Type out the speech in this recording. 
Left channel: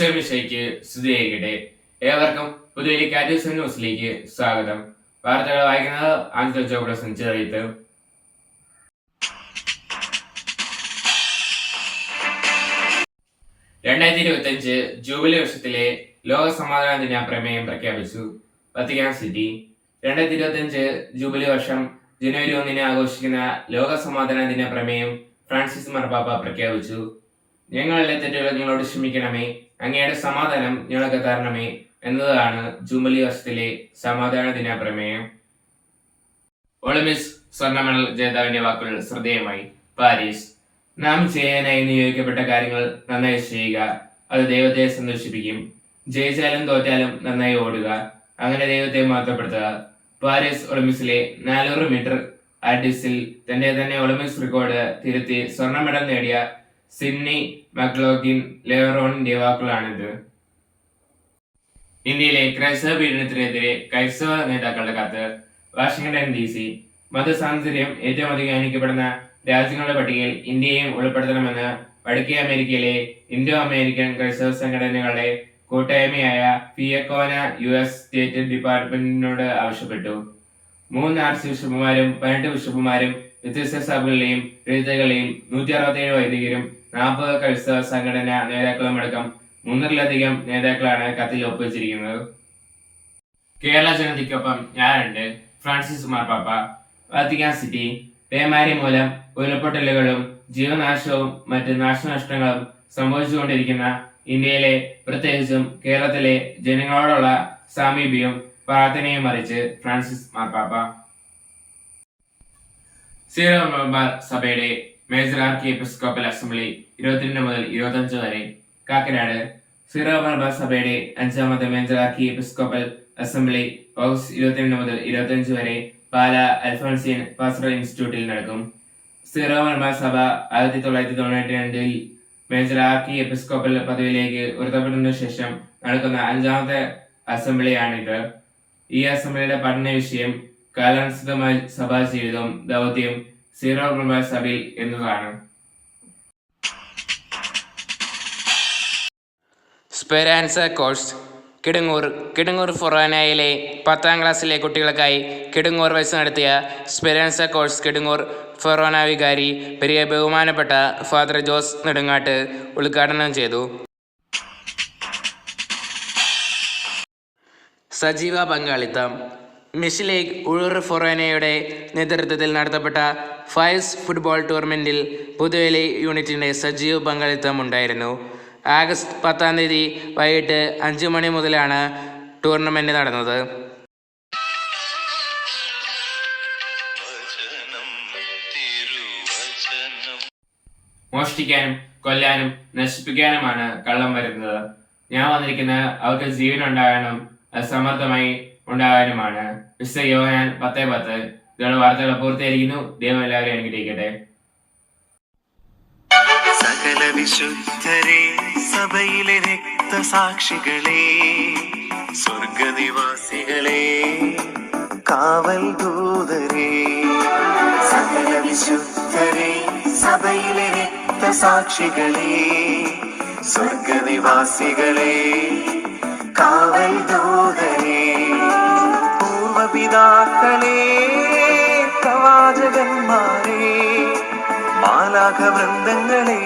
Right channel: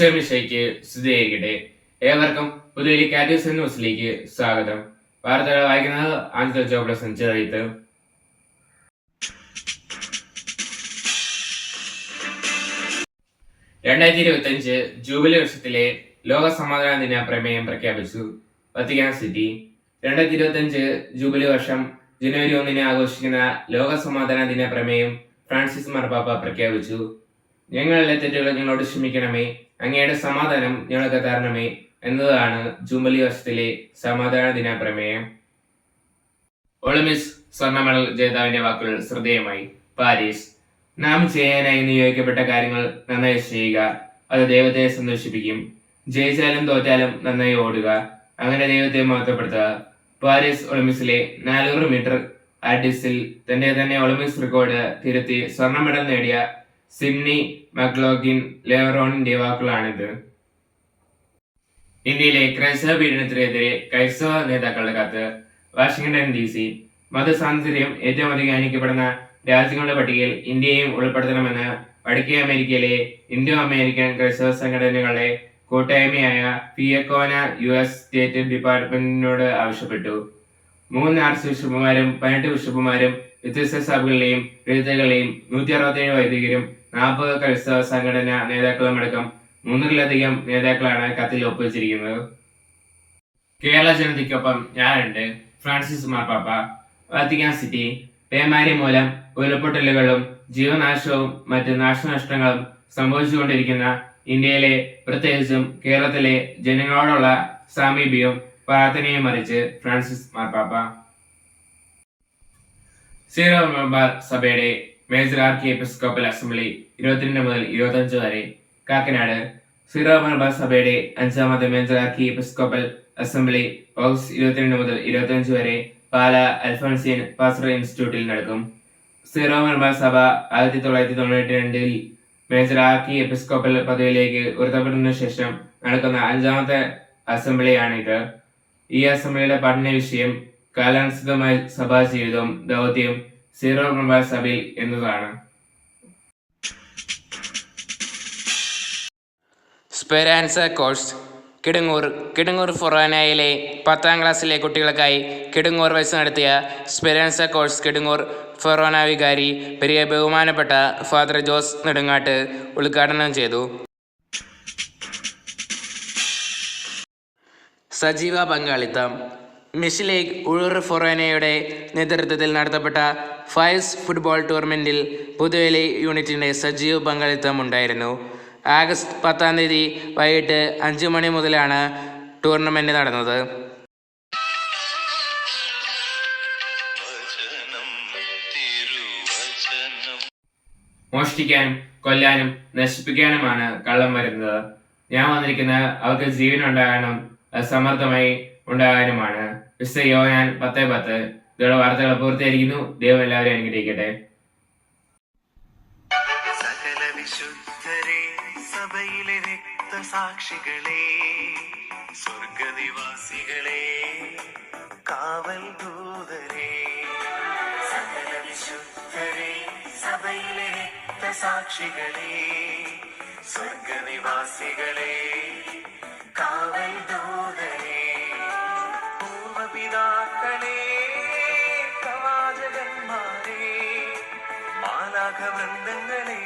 ഈശോമിശിഹായ്ക്ക് സ്തുതിയായിരിക്കട്ടെ. ഏവർക്കും പുതിയൊരു കാറ്റൂസ് ന്യൂസിലേക്ക് സ്വാഗതം. വാർത്തകൾ വായിക്കുന്നത് ആഞ്ചൽ ജോബ്ലസ് ചെറിയത്ത്. 2025 ജൂബിലി വർഷത്തിലെ ലോക സമാധാന ദിന പ്രമേയം പ്രഖ്യാപിച്ചു. വത്തിക്കാൻ സിറ്റി 2025 ജൂബിലി വർഷം ജനുവരി 1 ആഘോഷിക്കുന്ന ലോക സമാധാന ദിന പ്രമേയം ഫ്രാൻസിസ് മാർപ്പാപ്പ പ്രഖ്യാപിച്ചു. ഞങ്ങളുടെ തെറ്റുകൾ ഞങ്ങളോട് ക്ഷമിക്കണമേ, അങ്ങയുടെ സമാധാനം ഞങ്ങൾക്ക് തരണമേ എന്നതാണ് ജൂബിലി വർഷത്തിലെ സമാധാന ദിന പ്രമേയം. ഒളിമ്പിക്സ് സ്വർണ്ണ മെഡൽ ജേതാവിന്റെ വാക്കുകൾ ശ്രദ്ധേയമായി. പാരീസ്: നാം ചെയ്യാനായി നിയോഗിക്കപ്പെട്ട കാര്യങ്ങൾ നന്നായി ചെയ്യുക, അത് ദൈവത്തെ സന്തോഷിപ്പിക്കും. ജയിച്ചാലും തോറ്റാലും നന്നായി ഓടുക, അങ്ങനെ ദൈവത്തെ മഹത്വപ്പെടുത്തുക. പാരീസ് ഒളിമ്പിക്സിലെ 400 മീറ്റർ ആർട്ടിസ്റ്റിൽ തന്നെ ഒളിമ്പിക്സ് റെക്കോർഡ് തിരുത്തി സ്വർണ്ണ മെഡൽ നേടിയ സിഡ്നി മക്ലോഗിൻ ലെവറോണിന്റെ വാക്കുകളാണിത്. ഇന്ത്യയിലെ ക്രൈസ്തവ പീഡനത്തിനെതിരെ ക്രൈസ്തവ നേതാക്കളുടെ കത്ത്. വാഷിംഗ്ടൺ DC: മതസ്വാതന്ത്ര്യം ഏറ്റവും അധികം ഹനിക്കപ്പെടുന്ന രാജ്യങ്ങളുടെ പട്ടികയിൽ ഇന്ത്യയെയും ഉൾപ്പെടുത്തണമെന്ന് വടക്കേ അമേരിക്കയിലെ ഇൻഡോ അമേരിക്കൻ ക്രൈസ്തവ സംഘടനകളുടെ കൂട്ടായ്മയായ ഫിയക്കോന US സ്റ്റേറ്റ് ഡിപ്പാർട്ട്മെന്റിനോട് ആവശ്യപ്പെട്ടു. 3 ആർച്ച് ബിഷപ്പുമാരും 18 ബിഷപ്പുമാരും വ്യത്യസ്ത സഭകളിലെയും എഴുത്തുകളെയും 167 വൈദികരും 40 ക്രൈസ്തവ സംഘടനാ നേതാക്കളും അടക്കം 300-ലധികം നേതാക്കളാണ് കത്തിൽ ഒപ്പുവെച്ചിരിക്കുന്നത്. കേരള ജനതയ്ക്കൊപ്പം ഞാനുണ്ട്. ഫ്രാൻസിസ് മാർപ്പാപ്പ. വത്തിക്കാൻ സിറ്റി: പേമാരി മൂലം ഉരുൾപൊട്ടലുകളും ജീവനാശവും മറ്റ് നാശനഷ്ടങ്ങളും സംഭവിച്ചുകൊണ്ടിരിക്കുന്ന ഇന്ത്യയിലെ, പ്രത്യേകിച്ചും കേരളത്തിലെ ജനങ്ങളോടുള്ള സാമീപ്യവും പ്രാർത്ഥനയും അറിയിച്ച് ഫ്രാൻസിസ് മാർപ്പാപ്പ. സീറോ മലബാർ സഭയുടെ മേജർ ആർക്കി എപ്പിസ്കോപ്പൽ അസംബ്ലി 22 മുതൽ 25 വരെ. കാക്കനാട്: സീറോ മലബാർ സഭയുടെ 5ാമത്തെ മേജർ ആർക്കി എപ്പിസ്കോപ്പൽ അസംബ്ലി ഓഗസ്റ്റ് 22 മുതൽ 25 വരെ പാല അൽഫോൻസിയൻ പാസ്റ്ററൽ ഇൻസ്റ്റിറ്റ്യൂട്ടിൽ നടക്കും. സീറോ മലബാർ സഭ 1992 മേജർ ആർക്കി എപ്പിസ്കോപ്പൽ പദവിയിലേക്ക് ഉയർത്തപ്പെട്ടതിനു ശേഷം നടക്കുന്ന 5ാമത്തെ അസംബ്ലിയാണിത്. ഈ അസംബ്ലിയുടെ പഠന വിഷയം കാലാനുസൃതമായ സഭാ ജീവിതവും ദൗത്യവും സീറോ മലബാർ സഭയിൽ എന്നതാണ്. സ്പെരാൻസ കോഴ്സ് കിടങ്ങൂർ ഫൊറാനയിലെ 10ാം ക്ലാസ്സിലെ കുട്ടികൾക്കായി കിടങ്ങൂർ വെച്ച് നടത്തിയ സ്പെരാൻസ കോഴ്സ് കിടങ്ങൂർ ഫൊറാന വികാരി പെരിയ ബഹുമാനപ്പെട്ട ഫാദർ ജോസ് നെടുങ്ങാട്ട് ഉദ്ഘാടനം ചെയ്തു. സജീവ പങ്കാളിത്തം. മിസ് ലീഗ് ഉഴൂർ ഫൊറാനയുടെ നേതൃത്വത്തിൽ നടത്തപ്പെട്ട ഫയസ് ഫുട്ബോൾ ടൂർണമെന്റിൽ പുതുവേലി യൂണിറ്റിന്റെ സജീവ പങ്കാളിത്തം ഉണ്ടായിരുന്നു. ആഗസ്റ്റ് 10 വൈകിട്ട് 5 മണി മുതലാണ് ടൂർണമെന്റ് നടന്നത്. മോഷ്ടിക്കാനും കൊല്ലാനും നശിപ്പിക്കാനുമാണ് കള്ളം വരുന്നത്. ഞാൻ വന്നിരിക്കുന്നത് അവർക്ക് ജീവൻ ഉണ്ടാകാനും സമർത്ഥമായി ഉണ്ടാകാനുമാണ്. വിശുദ്ധ യോഹന്നാൻ 10:10. ഇതോടെ വാർത്തകൾ പൂർത്തിയായിരിക്കുന്നു. ദൈവം എല്ലാവരെയും അനുഗ്രഹിക്കട്ടെ. സകല വിശുദ്ധരെ, സഭയിലെ രക്തസാക്ഷികളെ, സ്വർഗനിവാസികളെ, കാവൽ ദൂതരെ. സകല വിശുദ്ധരെ, സഭയിലെ രക്തസാക്ഷികളെ, സ്വർഗനിവാസികളെ, കാവൽ ദൂതരെ. പൂർവപിതാക്കളെ, പ്രവാചകന്മാരെ, മാലാഖവൃന്ദങ്ങളെ,